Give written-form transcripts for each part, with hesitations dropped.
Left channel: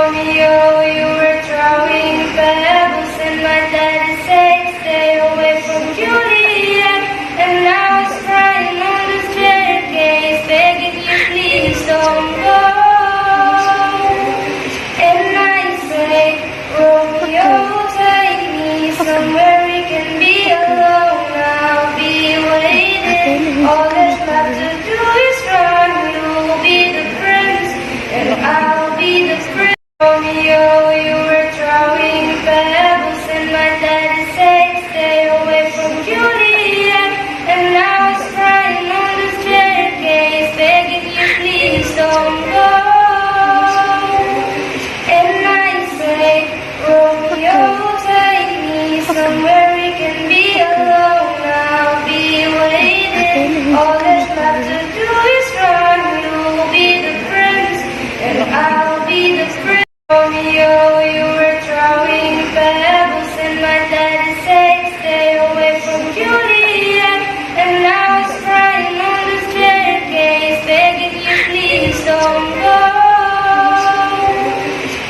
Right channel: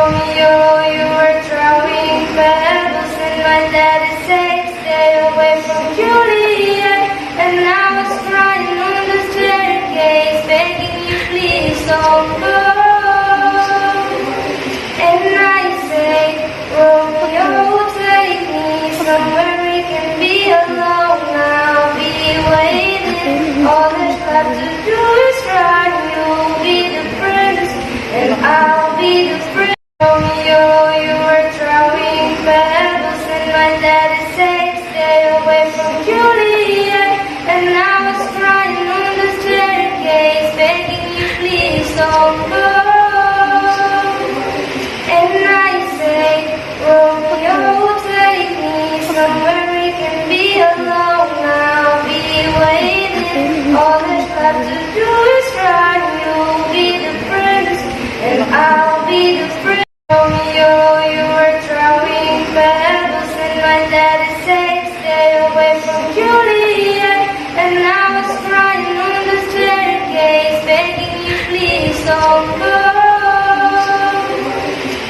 Romeo, you were throwing pebbles, and my daddy said, stay away from Juliet. And now it's crying on the staircase, begging you please don't go. And I say, Romeo, take me somewhere we can be alone. I'll be waiting. All that's left to do is run. You'll be the prince, and I'll be the prince. Romeo, you were throwing pebbles, and my daddy said, stay away from Juliet. And now it's crying on the staircase, begging you please don't go. And I say, Romeo, take me somewhere we can be alone. I'll be waiting. All that's left to do is run. You'll be the prince, and I'll be the prince. Romeo, you were throwing pebbles, and my daddy said, stay away from Juliet. And now it's crying on the staircase, begging you please don't go.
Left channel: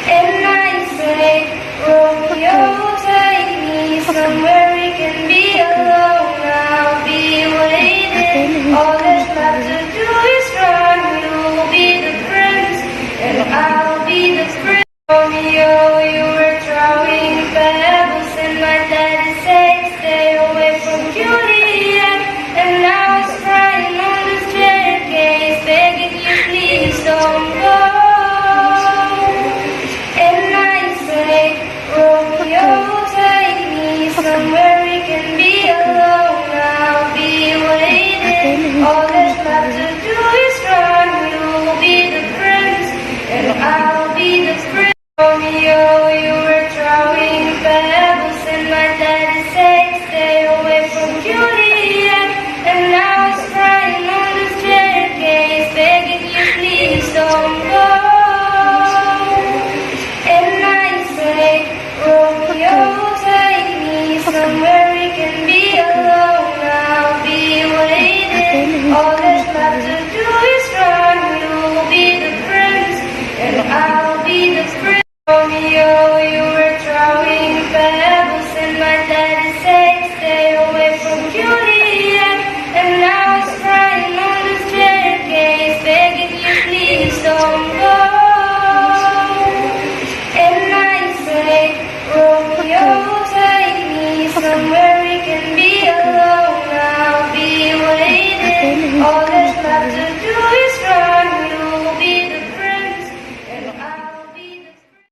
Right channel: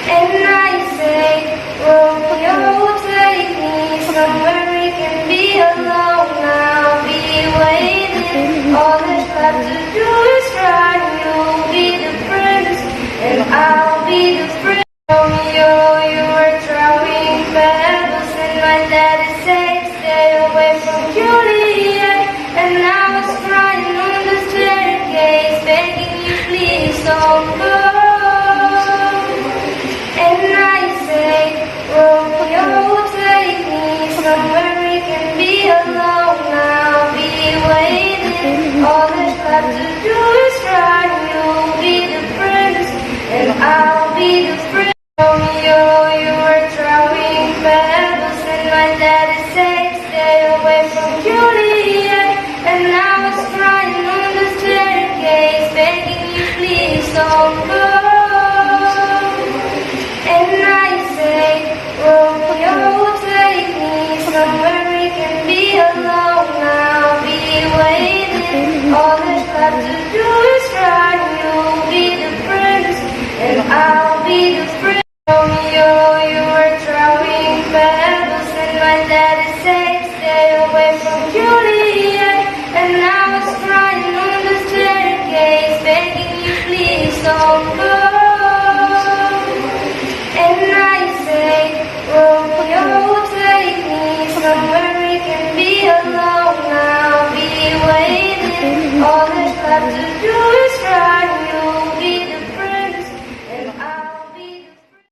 And I say, Romeo, take me somewhere we can be alone. I'll be waiting. All that's left to do is run. You'll be the prince, and I'll be the prince. Romeo, you were throwing pebbles, and my daddy said, stay away from Juliet. And now it's crying on the staircase, begging you please don't go. And I say, Romeo, take me somewhere we can be alone. I'll be waiting. All that's left to do is run. You'll be the prince, and I'll be the prince. Romeo, you were throwing pebbles, and my daddy said, stay away from Juliet. And now it's crying on the staircase, begging you please don't go. And I say, Romeo, take me somewhere we can be alone. I'll be waiting. All that's left to do is run. You'll be the prince, and I'll be the prince.